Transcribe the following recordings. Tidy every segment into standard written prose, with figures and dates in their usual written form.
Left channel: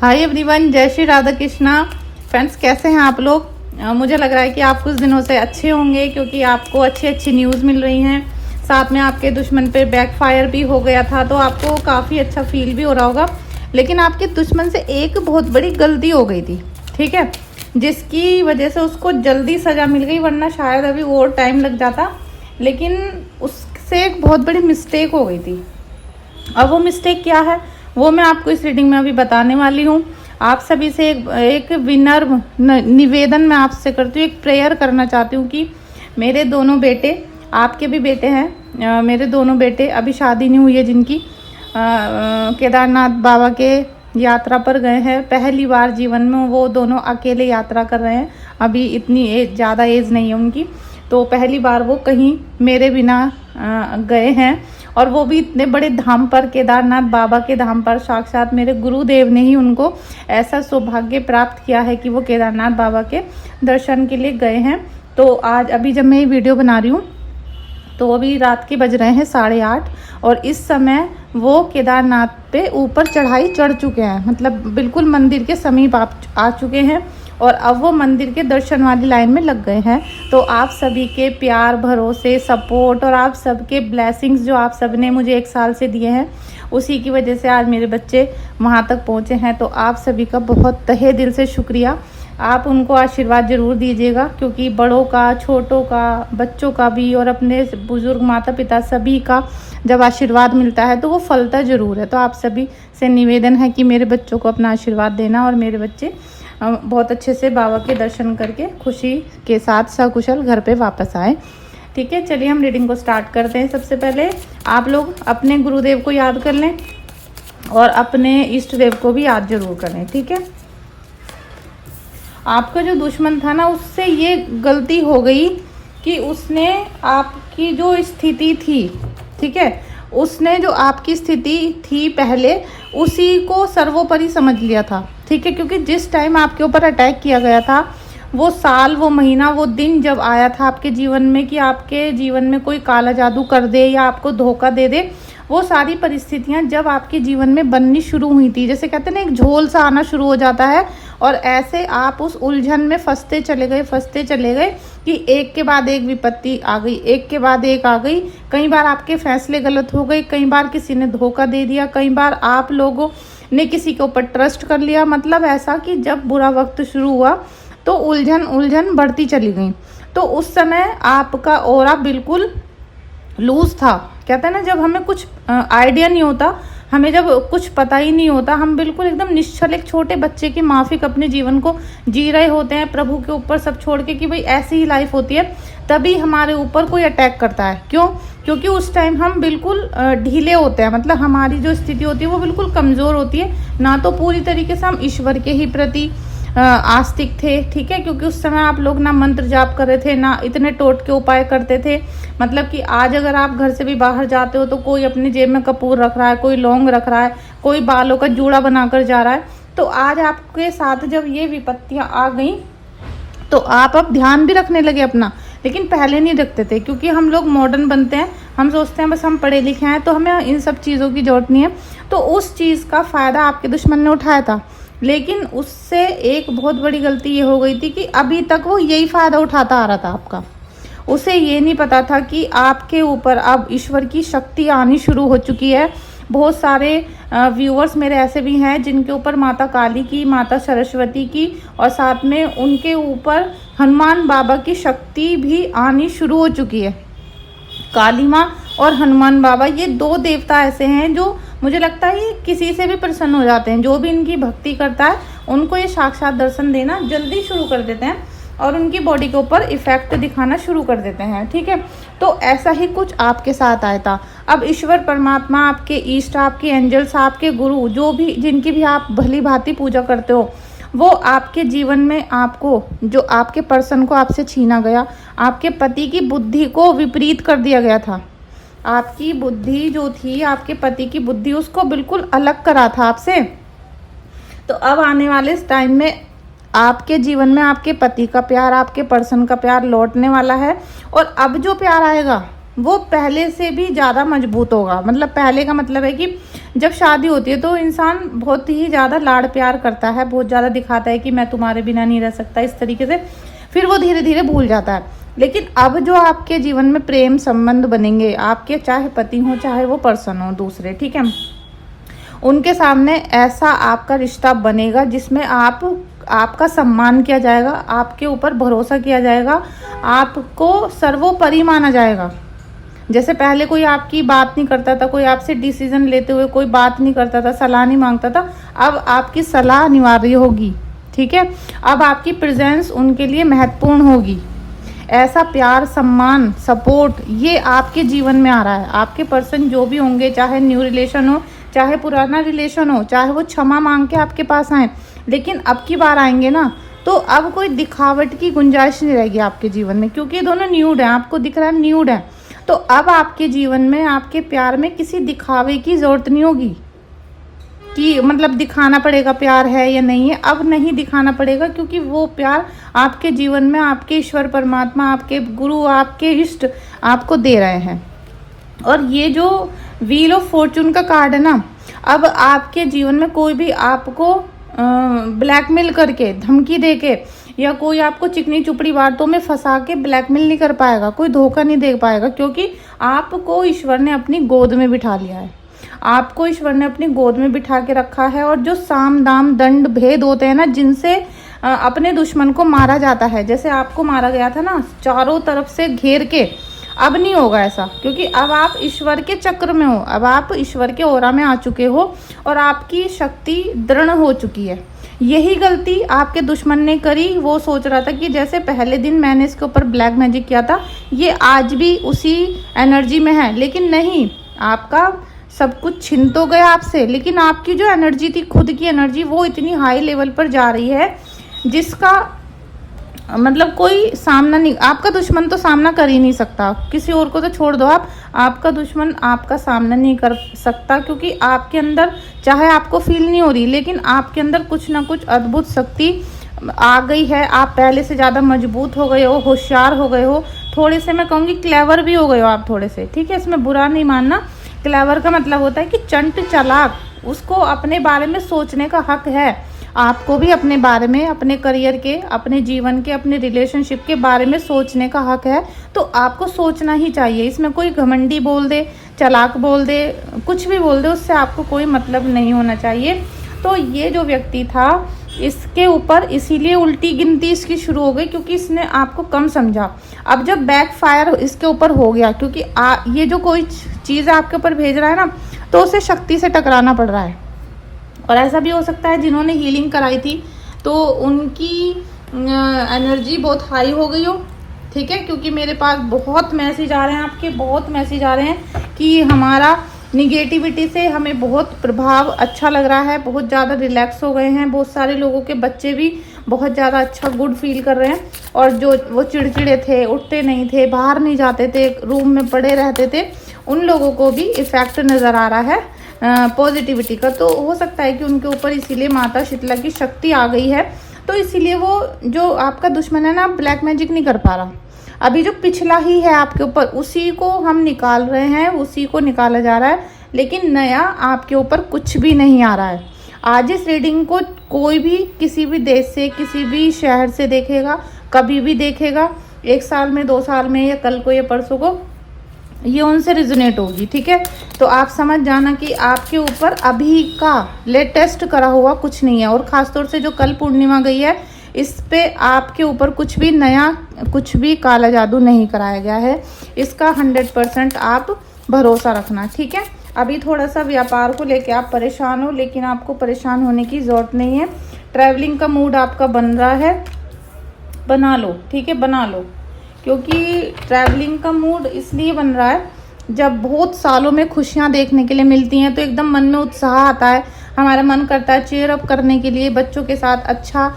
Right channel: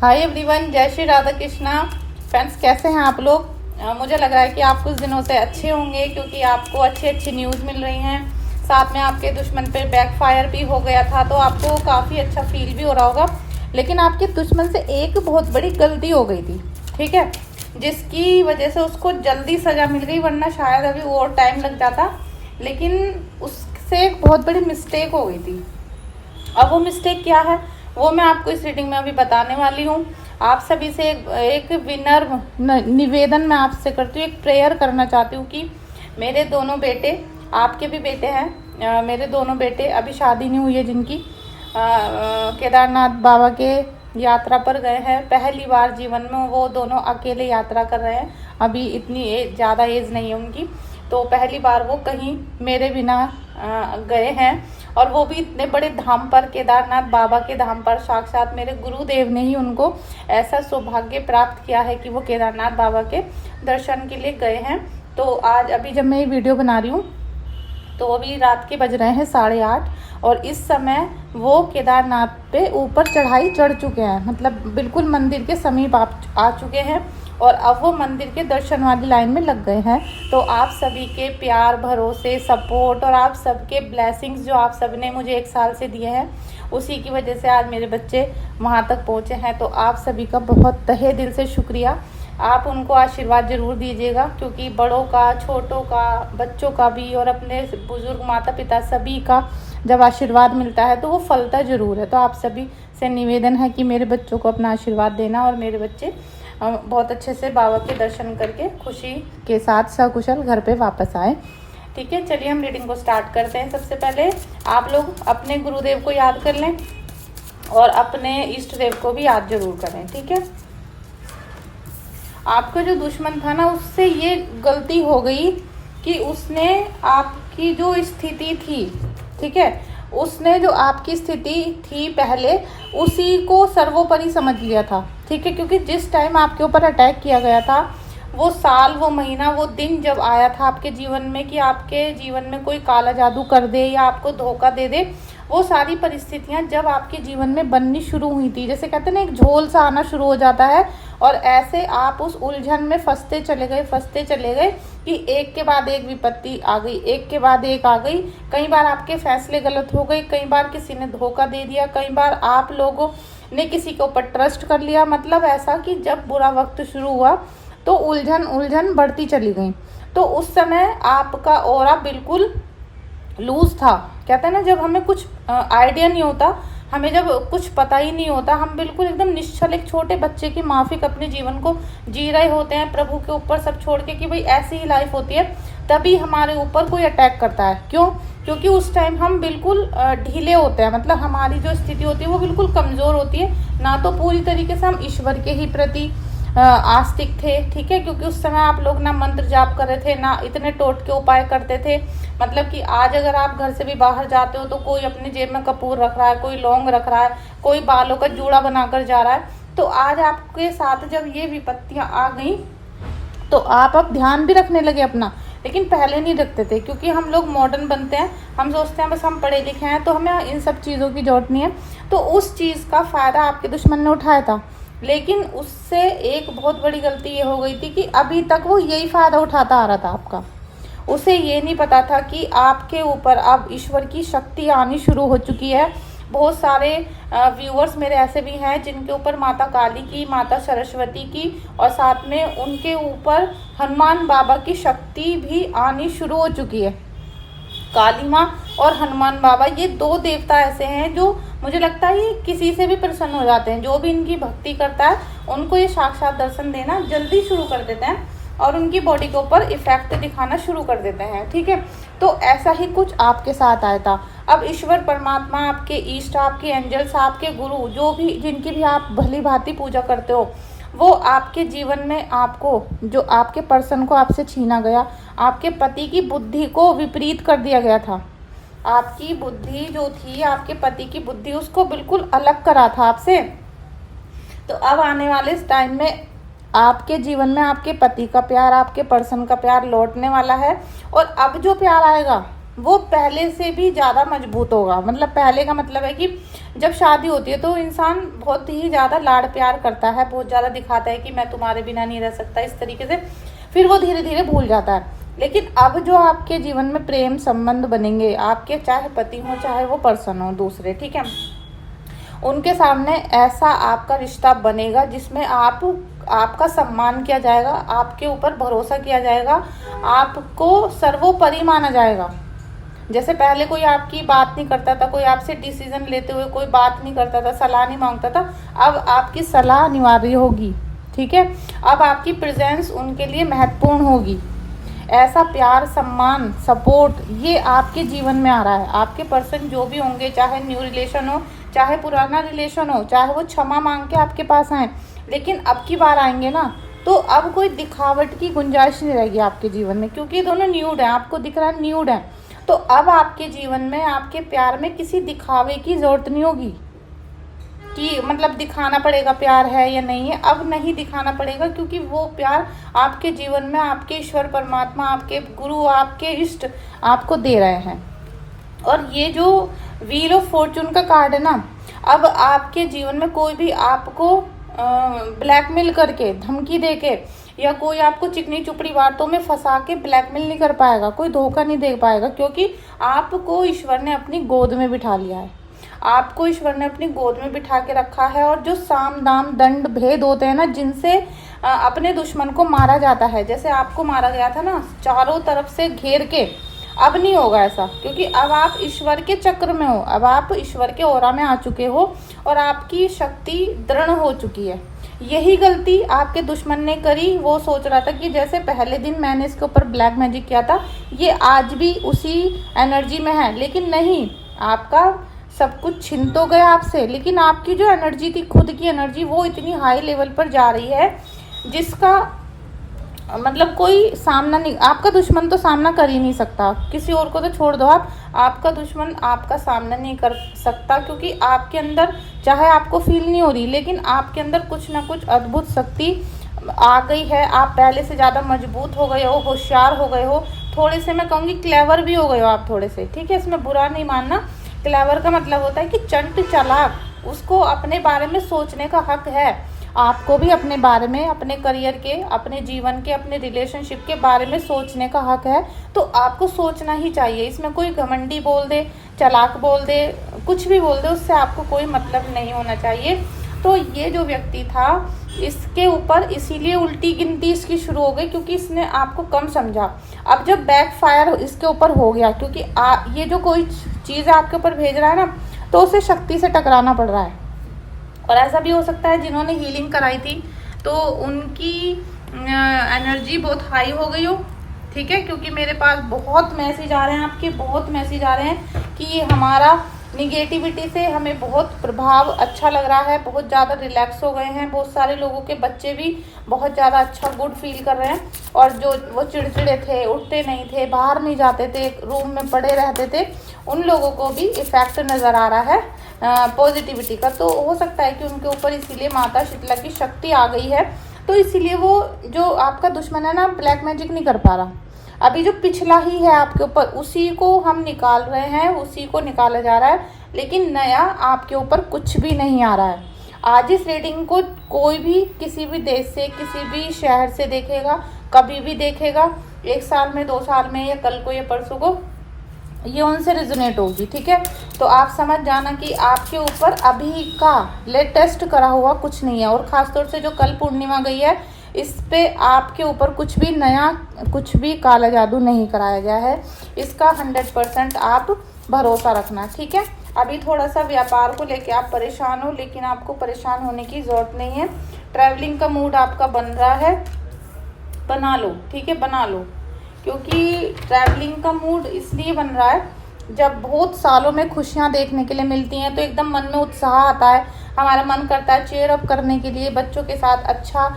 Hi everyone, जय Shri Radha Krishna. Friends, कैसे हैं आप लोग? मुझे लग रहा है कि आप कुछ दिनों से अच्छे होंगे क्योंकि आपको अच्छी न्यूज़ मिल रही हैं। साथ में आपके दुश्मन पे बैकफायर भी हो गया था तो आपको काफ़ी अच्छा फील भी हो रहा होगा। लेकिन आपके दुश्मन से एक बहुत बड़ी गलती हो गई थी, ठीक है, जिसकी वजह से उसको जल्दी सज़ा मिल गई, वरना शायद अभी और टाइम लग जाता। लेकिन उससे एक बहुत बड़ी मिस्टेक हो गई थी। अब वो मिस्टेक क्या है वो मैं आपको इस रीडिंग में अभी बताने वाली हूँ। आप सभी से एक विनर निवेदन मैं आपसे करती हूँ, एक प्रेयर करना चाहती हूँ कि मेरे दोनों बेटे, आपके भी बेटे हैं, मेरे दोनों बेटे अभी शादी नहीं हुई है जिनकी, केदारनाथ बाबा के यात्रा पर गए हैं। पहली बार जीवन में वो दोनों अकेले यात्रा कर रहे हैं। अभी इतनी ज़्यादा एज नहीं है उनकी, तो पहली बार वो कहीं मेरे बिना गए हैं, और वो भी इतने बड़े धाम पर, केदारनाथ बाबा के धाम पर। साक्षात मेरे गुरुदेव ने ही उनको ऐसा सौभाग्य प्राप्त किया है कि वो केदारनाथ बाबा के दर्शन के लिए गए हैं। तो आज अभी जब मैं ये वीडियो बना रही हूँ तो अभी रात के बज रहे हैं 8:30, और इस समय वो केदारनाथ पे ऊपर चढ़ाई चढ़ चुके हैं, मतलब बिल्कुल मंदिर के समीप आ चुके हैं, और अब वो मंदिर के दर्शन वाली लाइन में लग गए हैं। तो आप सभी के प्यार, भरोसे, सपोर्ट और आप सबके ब्लेसिंग्स जो आप सब ने मुझे 1 साल से दिए हैं, उसी की वजह से आज मेरे बच्चे वहाँ तक पहुँचे हैं। तो आप सभी का बहुत तहे दिल से शुक्रिया। आप उनको आशीर्वाद ज़रूर दीजिएगा, क्योंकि बड़ों का, छोटों का, बच्चों का भी, और अपने बुजुर्ग माता पिता सभी का जब आशीर्वाद मिलता है तो वो फलता ज़रूर है। तो आप सभी से निवेदन है कि मेरे बच्चों को अपना आशीर्वाद देना, और मेरे बच्चे बहुत अच्छे से बाबा के दर्शन करके खुशी के साथ सकुशल घर पे वापस आए। ठीक है, चलिए हम रीडिंग को स्टार्ट करते हैं। सबसे पहले आप लोग अपने गुरुदेव को याद कर लें और अपने इष्ट देव को भी याद जरूर करें। ठीक है, आपका जो दुश्मन था ना, उससे ये गलती हो गई कि उसने आपकी जो स्थिति थी, ठीक है, उसने जो आपकी स्थिति थी पहले, उसी को सर्वोपरि समझ लिया था। ठीक है, क्योंकि जिस टाइम आपके ऊपर अटैक किया गया था, वो साल, वो महीना, वो दिन जब आया था आपके जीवन में कि आपके जीवन में कोई काला जादू कर दे या आपको धोखा दे दे, वो सारी परिस्थितियां जब आपके जीवन में बननी शुरू हुई थी, जैसे कहते हैं ना, एक झोल सा आना शुरू हो जाता है, और ऐसे आप उस उलझन में फंसते चले गए कि एक के बाद एक विपत्ति आ गई, एक के बाद एक आ गई। कई बार आपके फैसले गलत हो गए, कई बार किसी ने धोखा दे दिया, कई बार आप लोगों ने किसी के ऊपर ट्रस्ट कर लिया। मतलब ऐसा कि जब बुरा वक्त शुरू हुआ तो उलझन बढ़ती चली गई। तो उस समय आपका ऑरा बिल्कुल लूज था। कहते हैं ना, जब हमें कुछ आइडिया नहीं होता, हमें जब कुछ पता ही नहीं होता, हम बिल्कुल एकदम निश्चल, एक छोटे बच्चे की माफिक अपने जीवन को जी रहे होते हैं, प्रभु के ऊपर सब छोड़ के कि भाई ऐसी ही लाइफ होती है। तभी हमारे ऊपर कोई अटैक करता है। क्यों? क्योंकि उस टाइम हम बिल्कुल ढीले होते हैं, मतलब हमारी जो स्थिति होती है वो बिल्कुल कमजोर होती है। ना तो पूरी तरीके से हम ईश्वर के ही प्रति आस्तिक थे, ठीक है, क्योंकि उस समय आप लोग ना मंत्र जाप कर रहे थे, ना इतने टोटके उपाय करते थे। मतलब कि आज अगर आप घर से भी बाहर जाते हो तो कोई अपनी जेब में कपूर रख रहा है, कोई लौंग रख रहा है, कोई बालों का जूड़ा बनाकर जा रहा है। तो आज आपके साथ जब ये विपत्तियां आ गई तो आप अब ध्यान भी रखने लगे अपना, लेकिन पहले नहीं रखते थे, क्योंकि हम लोग मॉडर्न बनते हैं, हम सोचते हैं बस हम पढ़े लिखे हैं तो हमें इन सब चीज़ों की जरूरत नहीं है। तो उस चीज़ का फायदा आपके दुश्मन ने उठाया था, लेकिन उससे एक बहुत बड़ी गलती ये हो गई थी कि अभी तक वो यही फायदा उठाता आ रहा था आपका। उसे ये नहीं पता था कि आपके ऊपर अब ईश्वर की शक्ति आनी शुरू हो चुकी है। बहुत सारे व्यूअर्स मेरे ऐसे भी हैं जिनके ऊपर माता काली की, माता सरस्वती की, और साथ में उनके ऊपर हनुमान बाबा की शक्ति भी आनी शुरू हो चुकी है। काली माँ और हनुमान बाबा, ये 2 देवता ऐसे हैं जो मुझे लगता है किसी से भी प्रसन्न हो जाते हैं। जो भी इनकी भक्ति करता है उनको ये साक्षात दर्शन देना जल्दी शुरू कर देते हैं, और उनकी बॉडी के ऊपर इफेक्ट दिखाना शुरू कर देते हैं। ठीक है, तो ऐसा ही कुछ आपके साथ आया था। अब ईश्वर परमात्मा, आपके इष्ट, आपके एंजल्स, आपके गुरु, जो भी, जिनकी भी आप भली भांति पूजा करते हो, वो आपके जीवन में आपको, जो आपके पर्सन को आपसे छीना गया, आपके पति की बुद्धि को विपरीत कर दिया गया था। आपकी बुद्धि जो थी, आपके पति की बुद्धि, उसको बिल्कुल अलग करा था आपसे। तो अब आने वाले इस टाइम में आपके जीवन में आपके पति का प्यार, आपके पर्सन का प्यार लौटने वाला है, और अब जो प्यार आएगा वो पहले से भी ज़्यादा मजबूत होगा। मतलब पहले का मतलब है कि जब शादी होती है तो इंसान बहुत ही ज़्यादा लाड़ प्यार करता है, बहुत ज़्यादा दिखाता है कि मैं तुम्हारे बिना नहीं रह सकता, इस तरीके से। फिर वो धीरे धीरे भूल जाता है। लेकिन अब जो आपके जीवन में प्रेम संबंध बनेंगे, आपके चाहे पति हो चाहे वो पर्सन हो दूसरे, ठीक है, उनके सामने ऐसा आपका रिश्ता बनेगा जिसमें आपका सम्मान किया जाएगा, आपके ऊपर भरोसा किया जाएगा, आपको सर्वोपरि माना जाएगा। जैसे पहले कोई आपकी बात नहीं करता था, कोई आपसे डिसीजन लेते हुए कोई बात नहीं करता था, सलाह नहीं मांगता था, अब आपकी सलाह अनिवार्य होगी, ठीक है। अब आपकी प्रेजेंस उनके लिए महत्वपूर्ण होगी। ऐसा प्यार, सम्मान, सपोर्ट ये आपके जीवन में आ रहा है। आपके पर्सन जो भी होंगे, चाहे न्यू रिलेशन हो, चाहे पुराना रिलेशन हो, चाहे वो क्षमा मांग के आपके पास आए, लेकिन अब की बार आएंगे ना, तो अब कोई दिखावट की गुंजाइश नहीं रहेगी आपके जीवन में, क्योंकि दोनों न्यूड है, आपको दिख रहा है न्यूड है। तो अब आपके जीवन में, आपके प्यार में किसी दिखावे की जरूरत नहीं होगी कि मतलब दिखाना पड़ेगा प्यार है या नहीं है। अब नहीं दिखाना पड़ेगा, क्योंकि वो प्यार आपके जीवन में आपके ईश्वर परमात्मा, आपके गुरु, आपके इष्ट आपको दे रहे हैं। और ये जो व्हील ऑफ फॉर्चून का कार्ड है ना, अब आपके जीवन में कोई भी आपको ब्लैकमेल करके, धमकी देके, या कोई आपको चिकनी चुपड़ी बातों में फंसा के ब्लैकमेल नहीं कर पाएगा, कोई धोखा नहीं दे पाएगा, क्योंकि आपको ईश्वर ने अपनी गोद में बिठा लिया है। आपको ईश्वर ने अपनी गोद में बिठा के रखा है। और जो साम दाम दंड भेद होते हैं ना, जिनसे अपने दुश्मन को मारा जाता है, जैसे आपको मारा गया था ना चारों तरफ से घेर के, अब नहीं होगा ऐसा, क्योंकि अब आप ईश्वर के चक्र में हो, अब आप ईश्वर के ओरा में आ चुके हो और आपकी शक्ति दृढ़ हो चुकी है। यही गलती आपके दुश्मन ने करी। वो सोच रहा था कि जैसे पहले दिन मैंने इसके ऊपर ब्लैक मैजिक किया था, ये आज भी उसी एनर्जी में है, लेकिन नहीं, आपका सब कुछ छिन तो गया आपसे, लेकिन आपकी जो एनर्जी थी, खुद की एनर्जी, वो इतनी हाई लेवल पर जा रही है जिसका मतलब कोई सामना नहीं, आपका दुश्मन तो सामना कर ही नहीं सकता, किसी और को तो छोड़ दो आप, आपका दुश्मन आपका सामना नहीं कर सकता, क्योंकि आपके अंदर, चाहे आपको फील नहीं हो रही, लेकिन आपके अंदर कुछ ना कुछ अद्भुत शक्ति आ गई है। आप पहले से ज़्यादा मजबूत हो गए हो, होशियार हो गए हो, थोड़े से मैं कहूँगी क्लेवर भी हो गए हो आप थोड़े से, ठीक है, इसमें बुरा नहीं मानना। क्लेवर का मतलब होता है कि चंट चालाक, उसको अपने बारे में सोचने का हक है। आपको भी अपने बारे में, अपने करियर के, अपने जीवन के, अपने रिलेशनशिप के बारे में सोचने का हक है, तो आपको सोचना ही चाहिए। इसमें कोई घमंडी बोल दे, चालाक बोल दे, कुछ भी बोल दे, उससे आपको कोई मतलब नहीं होना चाहिए। तो ये जो व्यक्ति था, इसके ऊपर इसीलिए उल्टी गिनती इसकी शुरू हो गई, क्योंकि इसने आपको कम समझा। अब जब बैक फायर इसके ऊपर हो गया, क्योंकि ये जो कोई चीज़ आपके ऊपर भेज रहा है ना, तो उसे शक्ति से टकराना पड़ रहा है। और ऐसा भी हो सकता है जिन्होंने हीलिंग कराई थी तो उनकी एनर्जी बहुत हाई हो गई हो, ठीक है, क्योंकि मेरे पास बहुत मैसेज आ रहे हैं, आपके बहुत मैसेज आ रहे हैं कि हमारा निगेटिविटी से हमें बहुत प्रभाव अच्छा लग रहा है, बहुत ज़्यादा रिलैक्स हो गए हैं। बहुत सारे लोगों के बच्चे भी बहुत ज़्यादा अच्छा गुड फील कर रहे हैं, और जो वो चिड़चिड़े थे, उठते नहीं थे, बाहर नहीं जाते थे, रूम में पड़े रहते थे, उन लोगों को भी इफेक्ट नज़र आ रहा है पॉजिटिविटी का। तो हो सकता है कि उनके ऊपर इसीलिए माता शीतला की शक्ति आ गई है, तो इसीलिए वो जो आपका दुश्मन है ना, ब्लैक मैजिक नहीं कर पा रहा। अभी जो पिछला ही है आपके ऊपर, उसी को हम निकाल रहे हैं, उसी को निकाला जा रहा है, लेकिन नया आपके ऊपर कुछ भी नहीं आ रहा है। आज इस रीडिंग को कोई भी किसी भी देश से, किसी भी शहर से देखेगा, कभी भी देखेगा, 1 साल में, 2 साल में, या कल को या परसों को, ये उनसे रिजोनेट होगी, ठीक है। तो आप समझ जाना कि आपके ऊपर अभी का लेटेस्ट करा हुआ कुछ नहीं है। और खासतौर से जो कल पूर्णिमा गई है, इस पे आपके ऊपर कुछ भी नया, कुछ भी काला जादू नहीं कराया गया है। इसका 100% आप भरोसा रखना, ठीक है। अभी थोड़ा सा व्यापार को लेके आप परेशान हो, लेकिन आपको परेशान होने की जरूरत नहीं है। ट्रैवलिंग का मूड आपका बन रहा है, बना लो, ठीक है, बना लो, क्योंकि ट्रैवलिंग का मूड इसलिए बन रहा है, जब बहुत सालों में खुशियां देखने के लिए मिलती हैं तो एकदम मन में उत्साह आता है, हमारा मन करता है चीयर अप करने के लिए, बच्चों के साथ अच्छा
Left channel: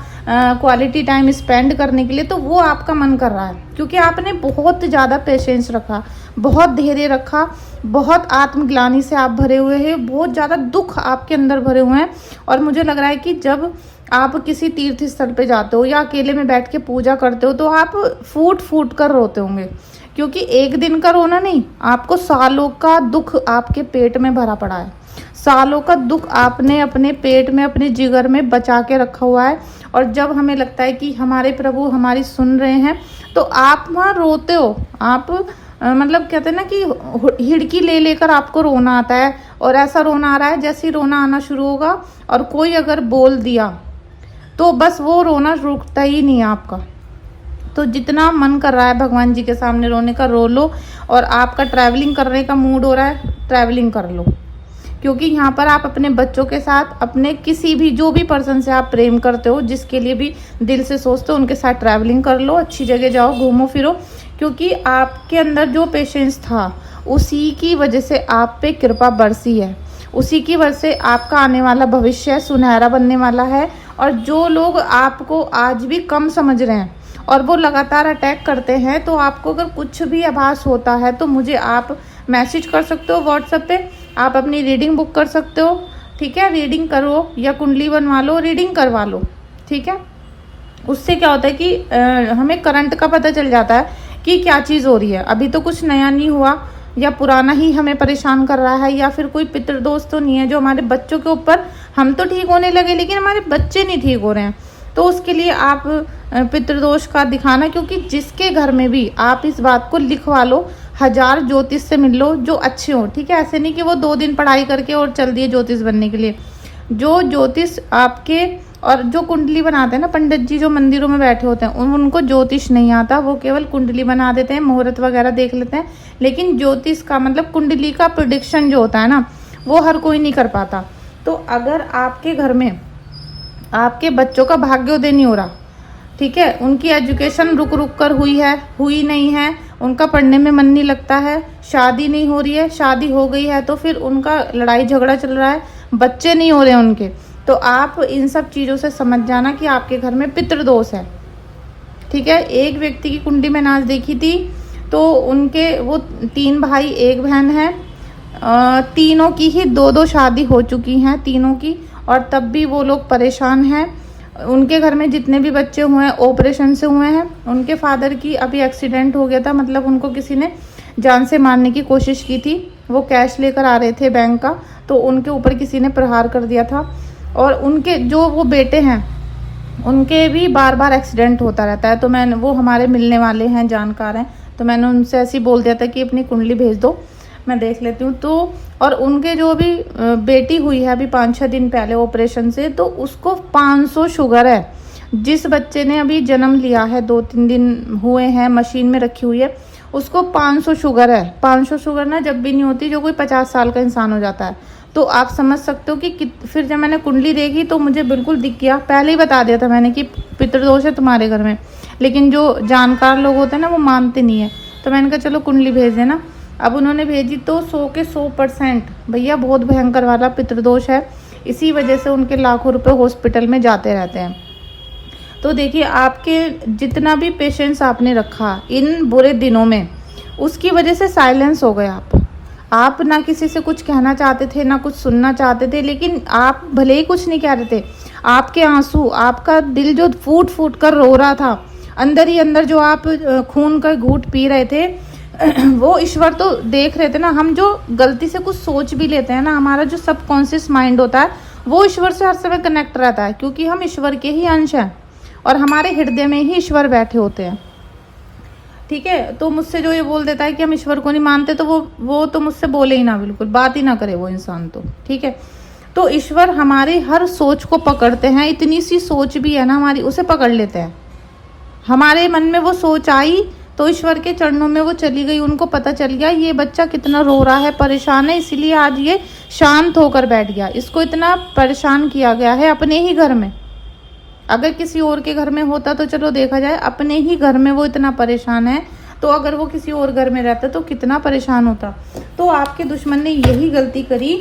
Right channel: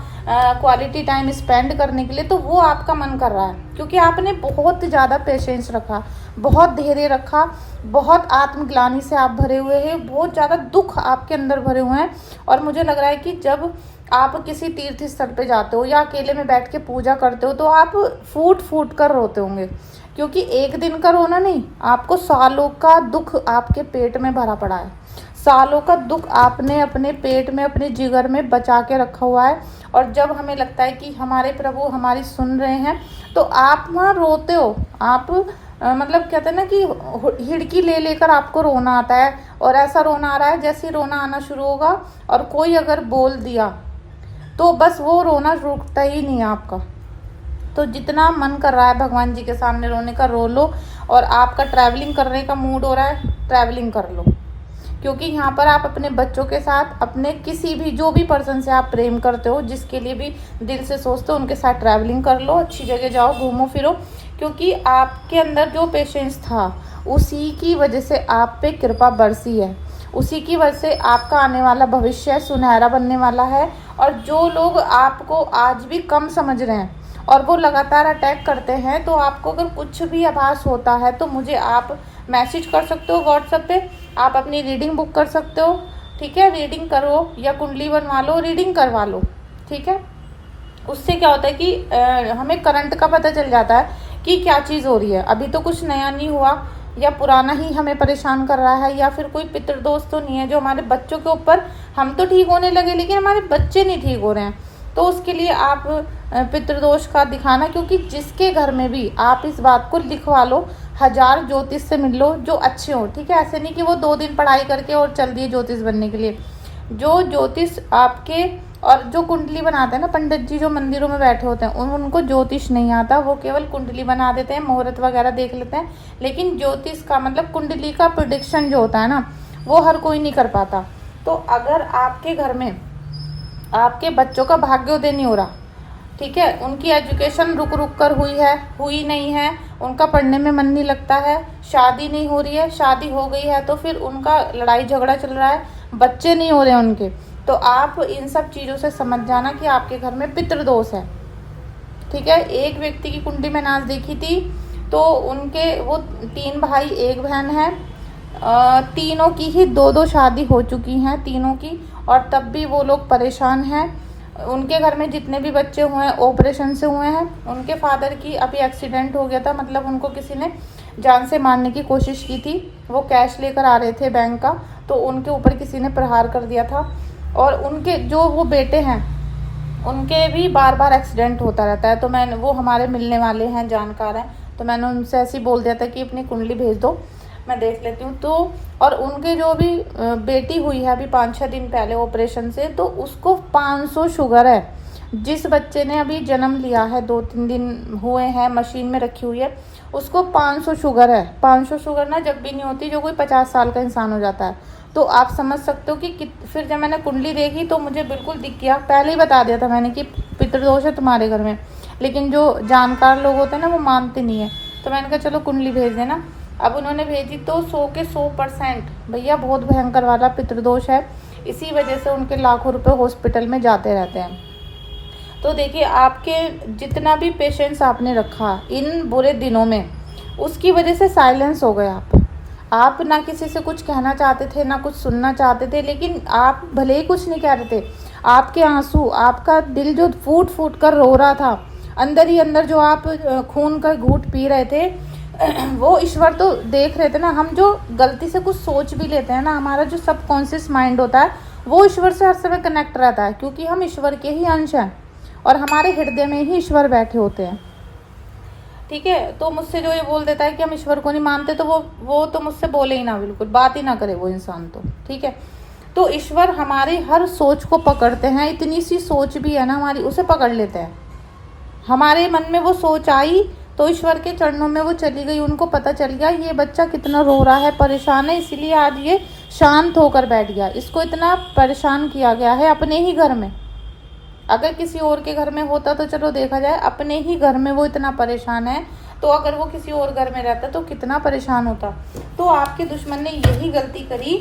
क्वालिटी टाइम स्पेंड करने के लिए, तो वो आपका मन कर रहा है, क्योंकि आपने बहुत ज़्यादा पेशेंस रखा, बहुत धैर्य रखा, बहुत आत्मग्लानि से आप भरे हुए हैं, बहुत ज़्यादा दुख आपके अंदर भरे हुए हैं। और मुझे लग रहा है कि जब आप किसी तीर्थ स्थल पे जाते हो या अकेले में बैठ के पूजा करते हो, तो आप फूट फूट कर रोते होंगे, क्योंकि एक दिन का रोना नहीं, आपको सालों का दुख आपके पेट में भरा पड़ा है। सालों का दुख आपने अपने पेट में, अपने जिगर में बचा के रखा हुआ है। और जब हमें लगता है कि हमारे प्रभु हमारी सुन रहे हैं, तो आप वहाँ रोते हो। आप मतलब कहते हैं ना कि हिड़की ले लेकर आपको रोना आता है, और ऐसा रोना आ रहा है जैसे रोना आना शुरू होगा और कोई अगर बोल दिया तो बस वो रोना रुकता ही नहीं है आपका। तो जितना मन कर रहा है भगवान जी के सामने रोने का, रो लो। और आपका ट्रैवलिंग करने का मूड हो रहा है, ट्रैवलिंग कर लो, क्योंकि यहाँ पर आप अपने बच्चों के साथ, अपने किसी भी जो भी पर्सन से आप प्रेम करते हो, जिसके लिए भी दिल से सोचते हो, उनके साथ ट्रैवलिंग कर लो, अच्छी जगह जाओ, घूमो फिरो। क्योंकि आपके अंदर जो पेशेंस था, उसी की वजह से आप पे कृपा बरसी है, उसी की वजह से आपका आने वाला भविष्य सुनहरा बनने वाला है। और जो लोग आपको आज भी कम समझ रहे हैं और वो लगातार अटैक करते हैं, तो आपको अगर कुछ भी आभास होता है तो मुझे आप मैसेज कर सकते हो व्हाट्सएप पे। आप अपनी रीडिंग बुक कर सकते हो, ठीक है, रीडिंग करो या कुंडली बनवा लो, रीडिंग करवा लो, ठीक है। उससे क्या होता है कि हमें करंट का पता चल जाता है कि क्या चीज़ हो रही है। अभी तो कुछ नया नहीं हुआ, या पुराना ही हमें परेशान कर रहा है, या फिर कोई पितृदोष तो नहीं है जो हमारे बच्चों के ऊपर, हम तो ठीक होने लगे लेकिन हमारे बच्चे नहीं ठीक हो रहे हैं। तो उसके लिए आप पितृदोष का दिखाना, क्योंकि जिसके घर में भी आप इस बात को लिखवा लो, 1000 ज्योतिष से मिल लो जो अच्छे हो, ठीक है। ऐसे नहीं कि वो 2 दिन पढ़ाई करके और चल दिए ज्योतिष बनने के लिए। जो ज्योतिष आपके, और जो कुंडली बनाते हैं ना पंडित जी जो मंदिरों में बैठे होते हैं, उनको ज्योतिष नहीं आता, वो केवल कुंडली बना देते हैं, मुहूर्त वगैरह देख लेते हैं। लेकिन ज्योतिष का मतलब कुंडली का प्रेडिक्शन जो होता है ना, वो हर कोई नहीं कर पाता। तो अगर आपके घर में आपके बच्चों का भाग्योदय नहीं हो रहा, ठीक है, उनकी एजुकेशन रुक रुक कर हुई है, हुई नहीं है, उनका पढ़ने में मन नहीं लगता है, शादी नहीं हो रही है, शादी हो गई है तो फिर उनका लड़ाई झगड़ा चल रहा है, बच्चे नहीं हो रहे उनके, तो आप इन सब चीज़ों से समझ जाना कि आपके घर में पितृदोष है, ठीक है। एक व्यक्ति की कुंडली में नाच देखी थी, तो उनके वो 3 भाई 1 बहन है, तीनों की ही 2-2 शादी हो चुकी हैं तीनों की, और तब भी वो लोग परेशान हैं। उनके घर में जितने भी बच्चे हुए हैं ऑपरेशन से हुए हैं। उनके फादर की अभी एक्सीडेंट हो गया था, मतलब उनको किसी ने जान से मारने की कोशिश की थी। वो कैश लेकर आ रहे थे बैंक का, तो उनके ऊपर किसी ने प्रहार कर दिया था। और उनके जो वो बेटे हैं, उनके भी बार बार एक्सीडेंट होता रहता है। तो मैंने, वो हमारे मिलने वाले हैं, जानकार हैं, तो मैंने उनसे ऐसे ही बोल दिया था कि अपनी कुंडली भेज दो, मैं देख लेती हूँ। तो और उनके जो अभी बेटी हुई है अभी 5-6 दिन पहले ऑपरेशन से, तो उसको 500 शुगर है। जिस बच्चे ने अभी जन्म लिया है, 2-3 दिन हुए हैं, मशीन में रखी हुई है, उसको 500 शुगर है। 500 शुगर ना जब भी नहीं होती, जो कोई 50 साल का इंसान हो जाता है। तो आप समझ सकते हो कि फिर जब मैंने कुंडली देखी तो मुझे बिल्कुल दिख गया। पहले ही बता दिया था मैंने कि पितृदोष है तुम्हारे घर में, लेकिन जो जानकार लोग होते हैं ना, वो मानते नहीं है। तो मैंने कहा चलो कुंडली भेज देना। अब उन्होंने भेजी तो 100 के 100% भैया बहुत भयंकर वाला पितृदोष है। इसी वजह से उनके लाखों रुपए हॉस्पिटल में जाते रहते हैं। तो देखिए, आपके जितना भी पेशेंस आपने रखा इन बुरे दिनों में, उसकी वजह से साइलेंस हो गए आप ना किसी से कुछ कहना चाहते थे, ना कुछ सुनना चाहते थे, लेकिन आप भले ही कुछ नहीं कह रहे थे, आपके आंसू, आपका दिल जो फूट फूट कर रो रहा था, अंदर ही अंदर जो आप खून का घूंट पी रहे थे, वो ईश्वर तो देख रहे थे ना। हम जो गलती से कुछ सोच भी लेते हैं ना, हमारा जो सबकॉन्शियस माइंड होता है, वो ईश्वर से हर समय कनेक्ट रहता है, क्योंकि हम ईश्वर के ही अंश हैं और हमारे हृदय में ही ईश्वर बैठे होते हैं, ठीक है। तो मुझसे जो ये बोल देता है कि हम ईश्वर को नहीं मानते, तो वो तो मुझसे बोले ही ना, बिल्कुल बात ही ना करे वो इंसान, तो ठीक है। तो ईश्वर हमारे हर सोच को पकड़ते हैं। इतनी सी सोच भी है ना हमारी, उसे पकड़ लेते हैं। हमारे मन में वो सोच आई तो ईश्वर के चरणों में वो चली गई। उनको पता चल गया ये बच्चा कितना रो रहा है, परेशान है, इसलिए आज ये शांत होकर बैठ गया। इसको इतना परेशान किया गया है अपने ही घर में। अगर किसी और के घर में होता तो चलो देखा जाए, अपने ही घर में वो इतना परेशान है, तो अगर वो किसी और घर में रहता तो कितना परेशान होता। तो आपके दुश्मन ने यही गलती करी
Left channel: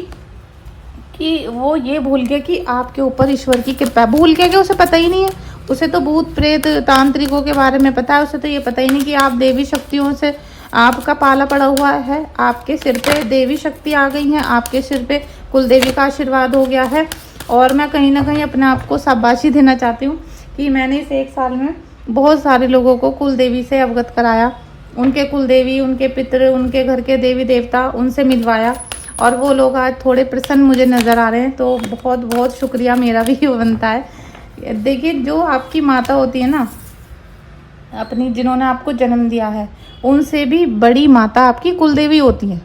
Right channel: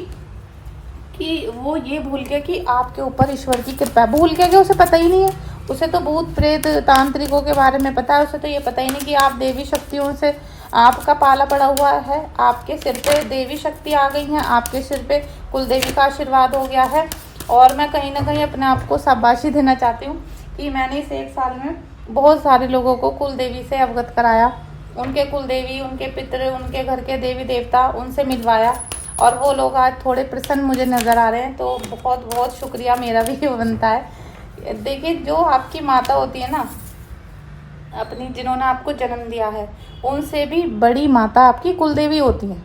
कि वो ये भूल गया कि आपके ऊपर ईश्वर की कृपा। भूल गया कि उसे पता ही नहीं है। उसे तो भूत प्रेत तांत्रिकों के बारे में पता है, उसे तो ये पता ही नहीं कि आप देवी शक्तियों से आपका पाला पड़ा हुआ है, आपके सिर पे देवी शक्ति आ गई है, आपके सिर पे कुल देवी का आशीर्वाद हो गया है। और मैं कहीं ना कहीं अपने आप को शाबाशी देना चाहती हूँ कि मैंने इस 1 साल में बहुत सारे लोगों को कुल देवी से अवगत कराया, उनके कुल देवी, उनके पितृ, उनके घर के देवी देवता, उनसे मिलवाया और वो लोग आज थोड़े प्रसन्न मुझे नज़र आ रहे हैं। तो बहुत बहुत शुक्रिया मेरा भी बनता है। देखिए, जो आपकी माता होती है ना अपनी, जिन्होंने आपको जन्म दिया है, उनसे भी बड़ी माता आपकी कुल देवी होती है।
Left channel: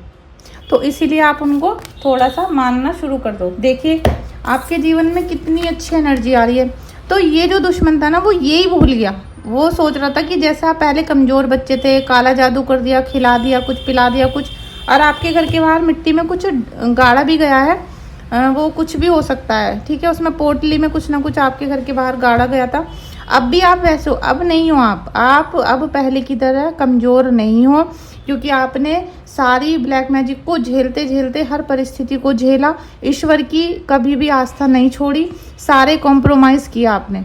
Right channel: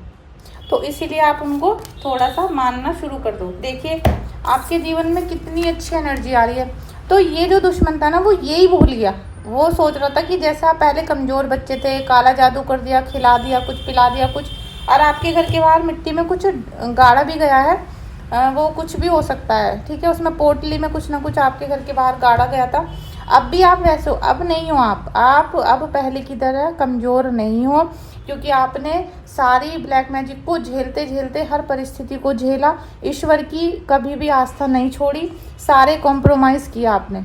तो इसीलिए आप उनको थोड़ा सा मानना शुरू कर दो। देखिए आपके जीवन में कितनी अच्छी एनर्जी आ रही है। तो ये जो दुश्मन था ना, वो यही भूल गया। वो सोच रहा था कि जैसा आप पहले कमज़ोर बच्चे थे, काला जादू कर दिया, खिला दिया कुछ, पिला दिया कुछ, और आपके घर के बाहर मिट्टी में कुछ गाड़ा भी गया है, वो कुछ भी हो सकता है, ठीक है, उसमें पोटली में कुछ ना कुछ आपके घर के बाहर गाड़ा गया था। अब भी आप वैसे हो, अब नहीं हो आप अब पहले की तरह कमज़ोर नहीं हो, क्योंकि आपने सारी ब्लैक मैजिक को झेलते झेलते हर परिस्थिति को झेला, ईश्वर की कभी भी आस्था नहीं छोड़ी, सारे कॉम्प्रोमाइज़ किया आपने।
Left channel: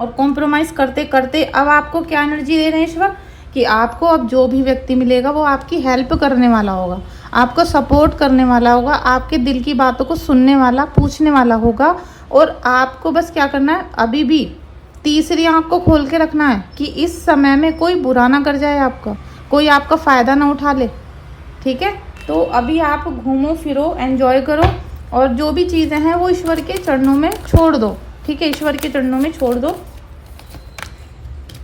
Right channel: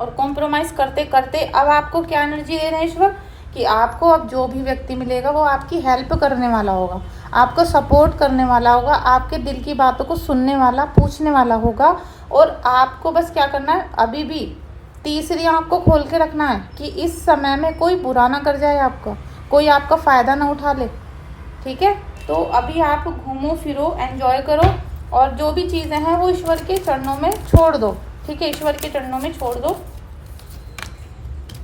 और कॉम्प्रोमाइज़ करते करते अब आपको क्या एनर्जी दे रहे हैं ईश्वर, कि आपको अब जो भी व्यक्ति मिलेगा वो आपकी हेल्प करने वाला होगा, आपको सपोर्ट करने वाला होगा, आपके दिल की बातों को सुनने वाला, पूछने वाला होगा। और आपको बस क्या करना है, अभी भी तीसरी आंख को खोल के रखना है कि इस समय में कोई बुरा ना कर जाए, आपका कोई आपका फ़ायदा ना उठा ले, ठीक है। तो अभी आप घूमो फिरो, एंजॉय करो, और जो भी चीज़ें हैं वो ईश्वर के चरणों में छोड़ दो, ठीक है, ईश्वर के चरणों में छोड़ दो।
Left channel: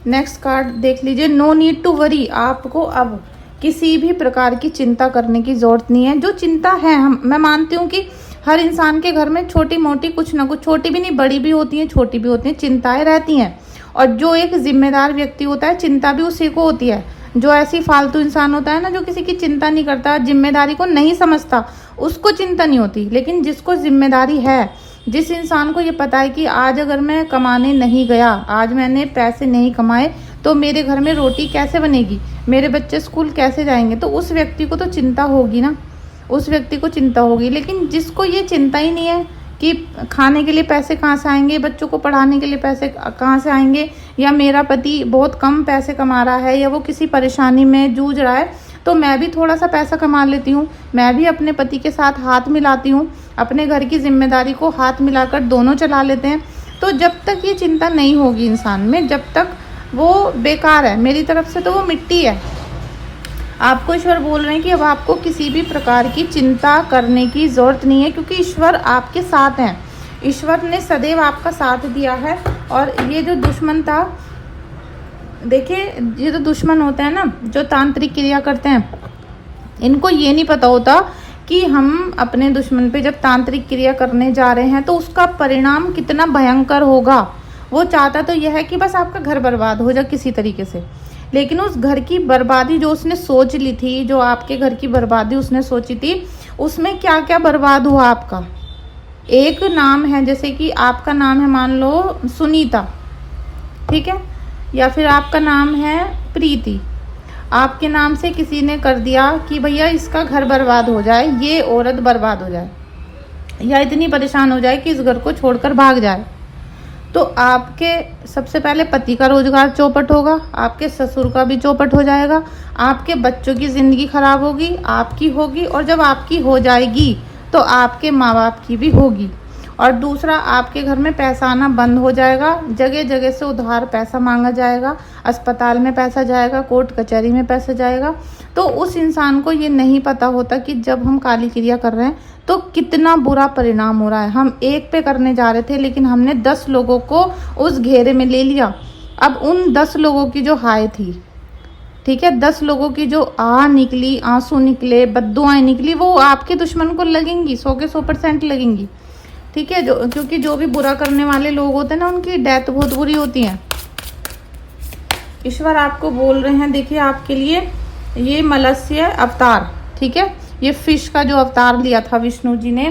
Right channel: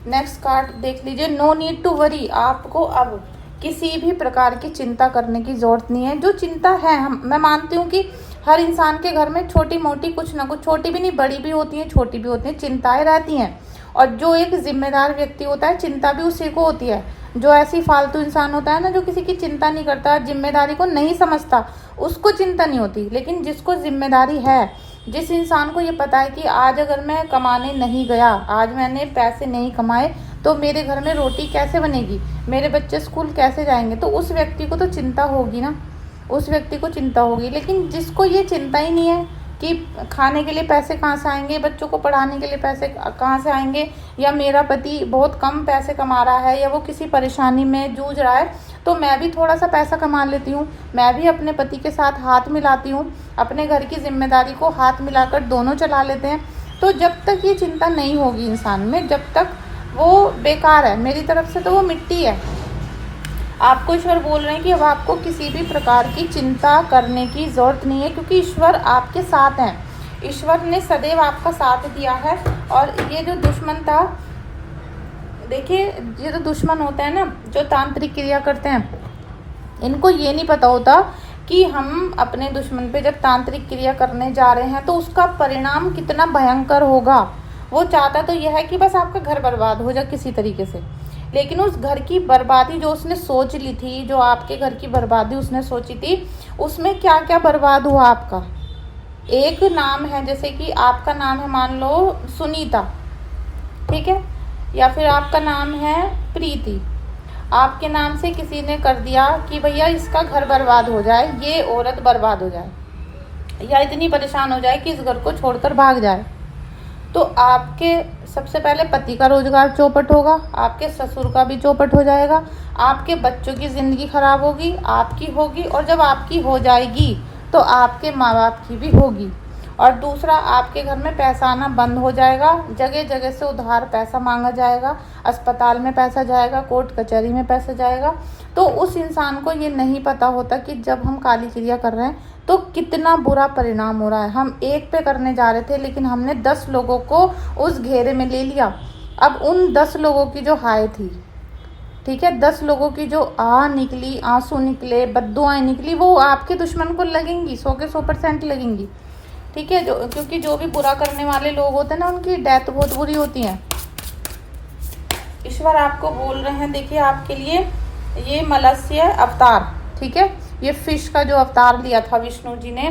नेक्स्ट कार्ड देख लीजिए, नो नीड टू वरी। आपको अब किसी भी प्रकार की चिंता करने की ज़रूरत नहीं है। जो चिंता है, मैं मानती हूँ कि हर इंसान के घर में छोटी मोटी कुछ ना कुछ, छोटी भी नहीं बड़ी भी होती हैं, छोटी भी होती हैं, चिंताएं रहती हैं। और जो एक जिम्मेदार व्यक्ति होता है, चिंता भी उसी को होती है। जो ऐसी फालतू इंसान होता है ना, जो किसी की चिंता नहीं करता, जिम्मेदारी को नहीं समझता, उसको चिंता नहीं होती। लेकिन जिसको जिम्मेदारी है, जिस इंसान को ये पता है कि आज अगर मैं कमाने नहीं गया, आज मैंने पैसे नहीं कमाए, तो मेरे घर में रोटी कैसे बनेगी, मेरे बच्चे स्कूल कैसे जाएंगे, तो उस व्यक्ति को तो चिंता होगी ना, उस व्यक्ति को चिंता होगी। लेकिन जिसको ये चिंता ही नहीं है कि खाने के लिए पैसे कहाँ से आएंगे, बच्चों को पढ़ाने के लिए पैसे कहाँ से आएंगे, या मेरा पति बहुत कम पैसे कमा रहा है, या वो किसी परेशानी में जूझ रहा है, तो मैं भी थोड़ा सा पैसा कमा लेती हूँ, मैं भी अपने पति के साथ हाथ मिलाती हूँ, अपने घर की जिम्मेदारी को हाथ मिलाकर दोनों चला लेते हैं। तो जब तक ये चिंता नहीं होगी इंसान में, जब तक वो बेकार है, मेरी तरफ से तो वो मिट्टी है। आपको ईश्वर बोल रहे हैं कि अब आपको किसी भी प्रकार की चिंता करने की ज़रूरत नहीं है, क्योंकि ईश्वर आपके साथ हैं। ईश्वर ने सदैव आपका साथ दिया है। और ये जो दुश्मन था, देखिए ये जो दुश्मन होते हैं ना, जो तांत्रिक क्रिया करते हैं, इनको ये नहीं पता होता कि हम अपने दुश्मन पे जब तांत्रिक क्रिया करने जा रहे हैं तो उसका परिणाम कितना भयंकर होगा। वो चाहता तो यह है कि बस आपका घर बर्बाद हो जाए किसी तरीके से, लेकिन उस घर की बर्बादी जो उसने सोच ली थी, जो आपके घर की बर्बादी उसने सोची थी, उसमें क्या क्या बर्बाद हुआ आपका। एक नाम है, जैसे कि आपका नाम है मान लो सुनीता, ठीक है, या फिर आपका नाम है प्रीति, आपके नाम से किसी ने कर दिया कि भैया इसका घर बर्बाद हो जाए, ये औरत बर्बाद हो जाए, या इतनी परेशान हो जाए कि इस घर को छोड़कर भाग जाए, तो आपके सबसे पहले पति का रोजगार चौपट होगा, आपके ससुर का भी चौपट हो जाएगा, आपके बच्चों की ज़िंदगी खराब होगी, आपकी होगी, और जब आपकी हो जाएगी तो आपके माँ बाप की भी होगी। और दूसरा, आपके घर में पैसा आना बंद हो जाएगा, जगह जगह से उधार पैसा मांगा जाएगा, अस्पताल में पैसा जाएगा, कोर्ट कचहरी में पैसा जाएगा। तो उस इंसान को ये नहीं पता होता कि जब हम काली क्रिया कर रहे हैं तो कितना बुरा परिणाम हो रहा है। हम एक पे करने जा रहे थे, लेकिन हमने 10 लोगों को उस घेरे में ले लिया। अब उन 10 लोगों की जो हाय थी, ठीक है, 10 लोगों की जो निकली, आंसू निकले, बद्दुआएं निकली, वो आपके दुश्मन को लगेंगी, 100 के 100% लगेंगी, ठीक है। क्योंकि जो भी बुरा करने वाले लोग होते हैं ना, उनकी डेथ बहुत बुरी होती है। ईश्वर आपको बोल रहे हैं, देखिए आपके लिए ये मत्स्य अवतार, ठीक है, ये फिश का जो अवतार लिया था विष्णु जी ने,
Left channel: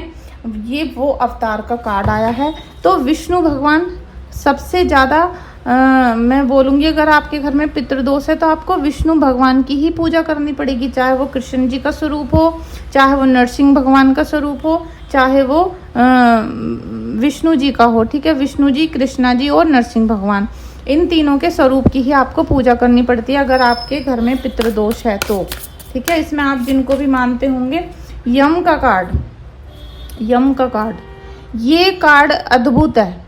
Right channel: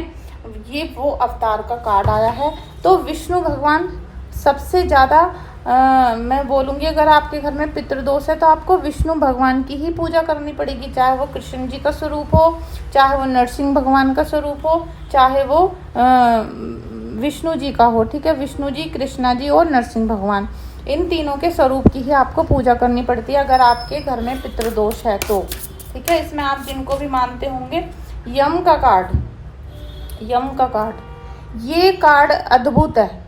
ये वो अवतार का कार्ड आया है। तो विष्णु भगवान सबसे ज़्यादा, मैं बोलूँगी अगर आपके घर में पितृदोष है तो आपको विष्णु भगवान की ही पूजा करनी पड़ेगी, चाहे वो कृष्ण जी का स्वरूप हो, चाहे वो नरसिंह भगवान का स्वरूप हो, चाहे वो विष्णु जी का हो, ठीक है, विष्णु जी, कृष्णा जी और नरसिंह भगवान, इन तीनों के स्वरूप की ही आपको पूजा करनी पड़ती है अगर आपके घर में पितृदोष है तो, ठीक है। इसमें आप जिनको भी मानते होंगे, यम का कार्ड, यम का कार्ड, ये कार्ड अद्भुत है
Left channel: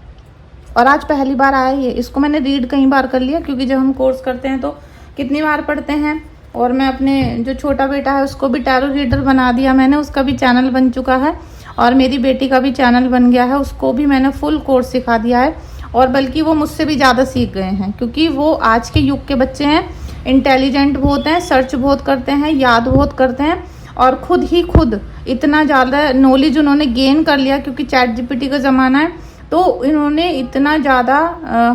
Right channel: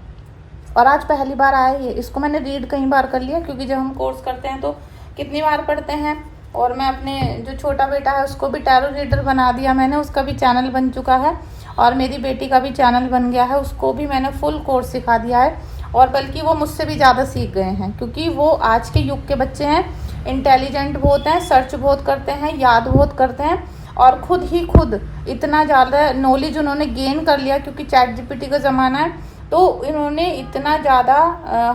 और आज पहली बार आया है। इसको मैंने रीड कई बार कर लिया, क्योंकि जब हम कोर्स करते हैं तो कितनी बार पढ़ते हैं। और मैं अपने जो छोटा बेटा है उसको भी टैरो रीडर बना दिया मैंने, उसका भी चैनल बन चुका है। और मेरी बेटी का भी चैनल बन गया है, उसको भी मैंने फुल कोर्स सिखा दिया है। और बल्कि वो मुझसे भी ज़्यादा सीख गए हैं, क्योंकि वो आज के युग के बच्चे हैं, इंटेलिजेंट बहुत हैं, सर्च बहुत करते हैं, याद बहुत करते हैं, और खुद इतना ज़्यादा नॉलेज उन्होंने गेन कर लिया, क्योंकि चैट जीपीटी का ज़माना है। तो इन्होंने इतना ज़्यादा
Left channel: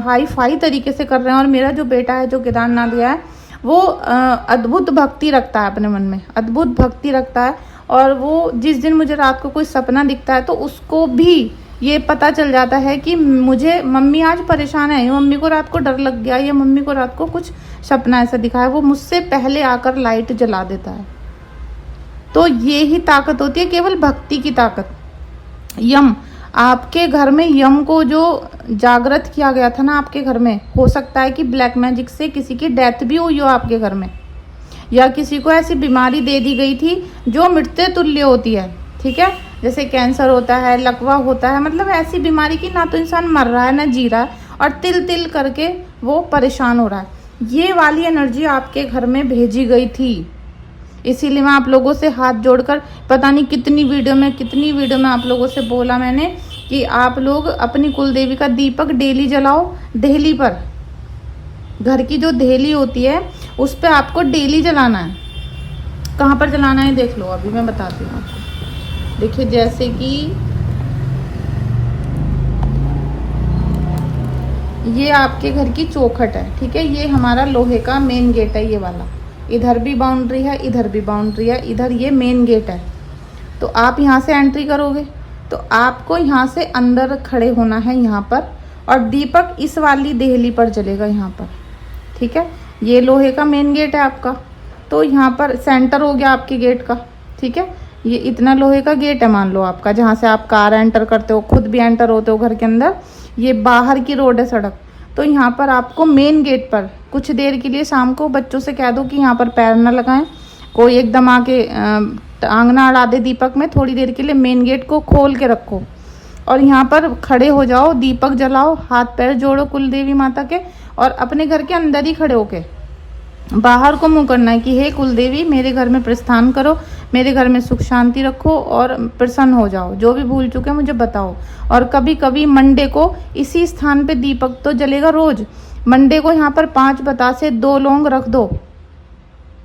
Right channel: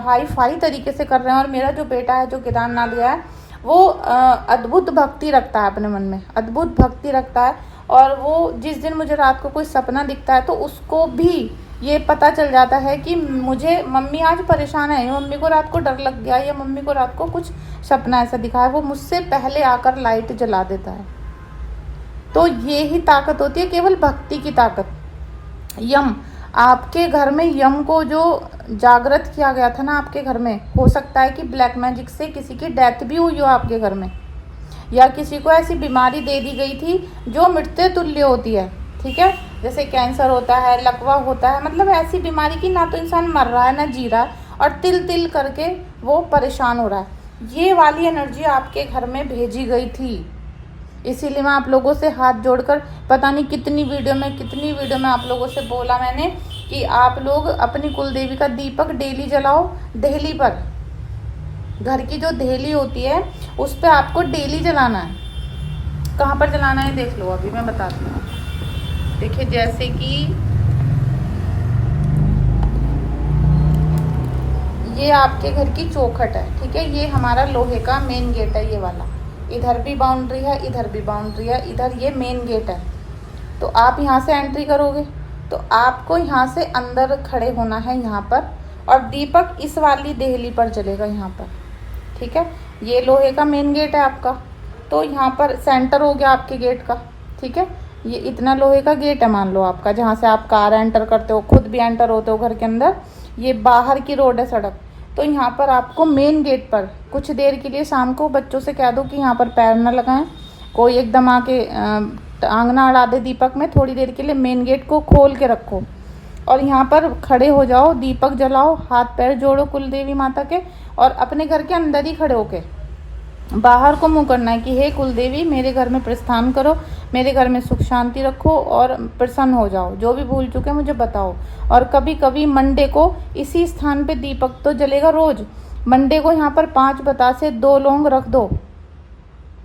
हाई फाई तरीके से कर रहे हैं। और मेरा जो बेटा है, जो केदारनाथ गया है, वो अद्भुत भक्ति रखता है अपने मन में, अद्भुत भक्ति रखता है। और वो जिस दिन मुझे रात को कोई सपना दिखता है तो उसको भी ये पता चल जाता है कि मुझे मम्मी आज परेशान है, या मम्मी को रात को डर लग गया, या मम्मी को रात को कुछ सपना ऐसा दिखा है, वो मुझसे पहले आकर लाइट जला देता है। तो ये ही ताकत होती है, केवल भक्ति की ताकत। यम, आपके घर में यम को जो जागृत किया गया था ना आपके घर में, हो सकता है कि ब्लैक मैजिक से किसी की डेथ भी हुई हो आपके घर में, या किसी को ऐसी बीमारी दे दी गई थी जो मृत्यु तुल्य होती है, ठीक है। जैसे कैंसर होता है, लकवा होता है, मतलब ऐसी बीमारी की ना तो इंसान मर रहा है ना जी रहा है, और तिल तिल करके वो परेशान हो रहा है। ये वाली एनर्जी आपके घर में भेजी गई थी। इसीलिए मैं आप लोगों से हाथ जोड़कर, पता नहीं कितनी वीडियो में आप लोगों से बोला मैंने कि आप लोग अपनी कुलदेवी का दीपक डेली जलाओ। देहली पर, घर की जो देहली होती है उस पे आपको डेली जलाना है। कहाँ पर जलाना है देख लो, अभी मैं बताती हूँ। देखिए, जैसे कि ये आपके घर की चौखट है, ठीक है। ये हमारा लोहे का मेन गेट है, ये वाला। इधर भी बाउंड्री है, इधर भी बाउंड्री है, इधर ये मेन गेट है। तो आप यहाँ से एंट्री करोगे तो आपको यहाँ से अंदर खड़े होना है यहाँ पर, और दीपक इस वाली देहली पर जलेगा यहाँ पर, ठीक है। ये लोहे का मेन गेट है आपका, तो यहाँ पर सेंटर हो गया आपके गेट का, ठीक है। ये इतना लोहे का गेट है मान लो आपका, जहाँ से आप कार एंटर करते हो, खुद भी एंटर होते हो घर के अंदर। ये बाहर की रोड है, सड़क। तो यहाँ पर आपको मेन गेट पर कुछ देर के लिए शाम को बच्चों से कह दो कि यहाँ पर पैर ना लगाएं, कोई एकदम आके टांग ना अड़ा दे दीपक में। थोड़ी देर के लिए मेन गेट को खोल के रखो और यहाँ पर खड़े हो जाओ, दीपक जलाओ, हाथ पैर जोड़ो कुलदेवी माता के, और अपने घर के अंदर ही खड़े होके बाहर को मुंह करना है कि हे कुलदेवी, मेरे घर में प्रस्थान करो, मेरे घर में सुख शांति रखो और प्रसन्न हो जाओ। जो भी भूल चुके मुझे बताओ। और कभी कभी मंडे को इसी स्थान पे दीपक तो जलेगा रोज। मंडे को यहाँ पर 5 बतासे 2 लौंग रख दो,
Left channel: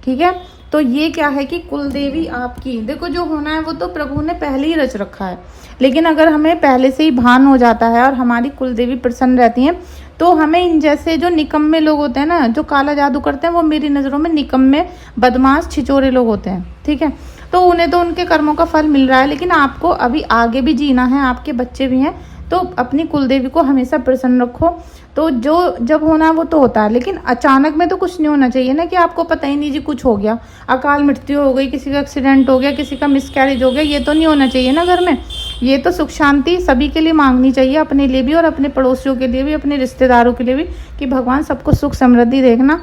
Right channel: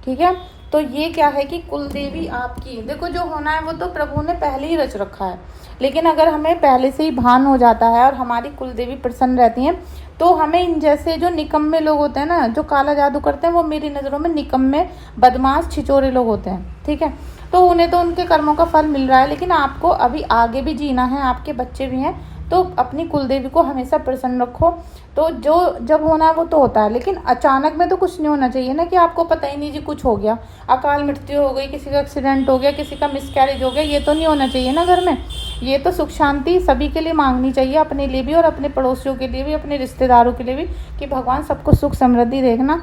ठीक है। तो ये क्या है कि कुलदेवी आपकी, देखो जो होना है वो तो प्रभु ने पहले ही रच रखा है, लेकिन अगर हमें पहले से ही भान हो जाता है और हमारी कुलदेवी प्रसन्न रहती हैं, तो हमें इन जैसे जो निकम्मे लोग होते हैं ना, जो काला जादू करते हैं, वो मेरी नज़रों में निकम्मे, बदमाश, छिचोरे लोग होते हैं, ठीक है। तो उन्हें तो उनके कर्मों का फल मिल रहा है, लेकिन आपको अभी आगे भी जीना है, आपके बच्चे भी हैं, तो अपनी कुलदेवी को हमेशा प्रसन्न रखो। तो जो जब होना है वो तो होता है, लेकिन अचानक में तो कुछ नहीं होना चाहिए ना कि आपको पता ही नहीं जी कुछ हो गया, अकाल मृत्यु हो गई, किसी का एक्सीडेंट हो गया, किसी का मिसकैरेज हो गया, ये तो नहीं होना चाहिए ना घर में। ये तो सुख शांति सभी के लिए मांगनी चाहिए, अपने लिए भी और अपने पड़ोसियों के लिए भी, अपने रिश्तेदारों के लिए भी, कि भगवान सबको सुख समृद्धि देखना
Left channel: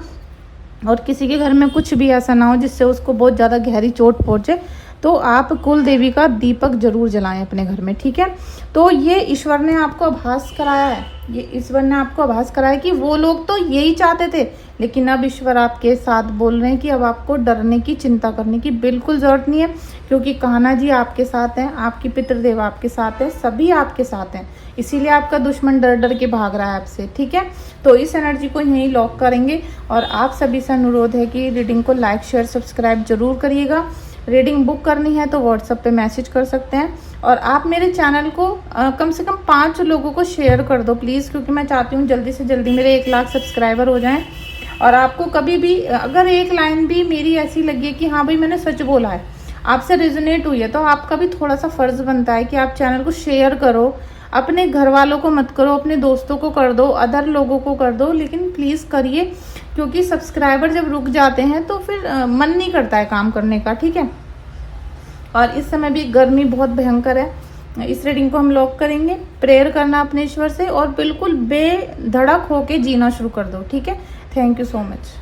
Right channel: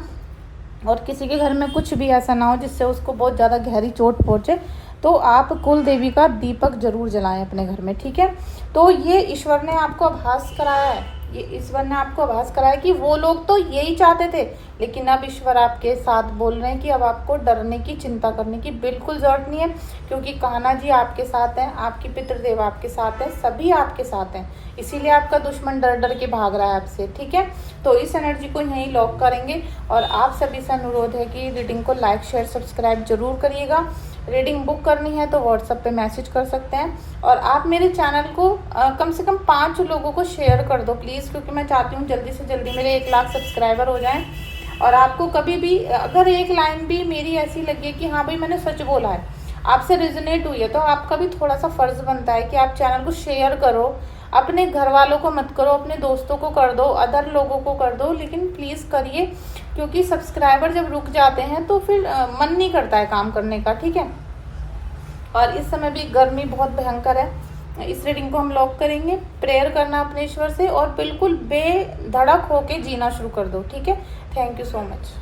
और किसी के घर में कुछ भी ऐसा ना हो जिससे उसको बहुत ज़्यादा गहरी चोट पहुँचे। तो आप कुल देवी का दीपक जरूर जलाएं अपने घर में, ठीक है। तो ये ईश्वर ने आपको आभास कराया है, ये ईश्वर ने आपको आभास कराया कि वो लोग तो यही चाहते थे, लेकिन अब ईश्वर आपके साथ बोल रहे हैं कि अब आपको डरने की, चिंता करने की बिल्कुल जरूरत नहीं है, क्योंकि कान्हा जी आपके साथ हैं, आपकी पितृदेव आपके साथ है, सभी आपके साथ हैं। इसीलिए आपका दुश्मन डर डर के भाग रहा है आपसे, ठीक है। तो इस एनर्जी को यहीं लॉक करेंगे और आप सभी से अनुरोध है कि रीडिंग को लाइक शेयर सब्सक्राइब जरूर करिएगा। रीडिंग बुक करनी है तो व्हाट्सएप पे मैसेज कर सकते हैं, और आप मेरे चैनल को कम से कम 5 लोगों को शेयर कर दो प्लीज़, क्योंकि मैं चाहती हूँ जल्दी से जल्दी मेरे 1 लाख सब्सक्राइबर हो जाएं। और आपको कभी भी अगर एक लाइन भी मेरी ऐसी लगे कि हाँ भाई मैंने सच बोला है, आपसे रिजोनेट हुई है, तो आपका भी थोड़ा सा फर्ज बनता है कि आप चैनल को शेयर करो। अपने घर वालों को मत करो, अपने दोस्तों को कर दो, अदर लोगों को कर दो, लेकिन प्लीज़ करिए, क्योंकि सब्सक्राइबर जब रुक जाते हैं तो फिर मन नहीं करता है काम करने का, ठीक है। और इस समय भी गर्मी बहुत भयंकर है। इस रीडिंग को हम लॉक करेंगे। प्रेयर करना अपने ईश्वर से और बिल्कुल बेधड़क होके जीना शुरू कर दो, ठीक है। Thank you so much.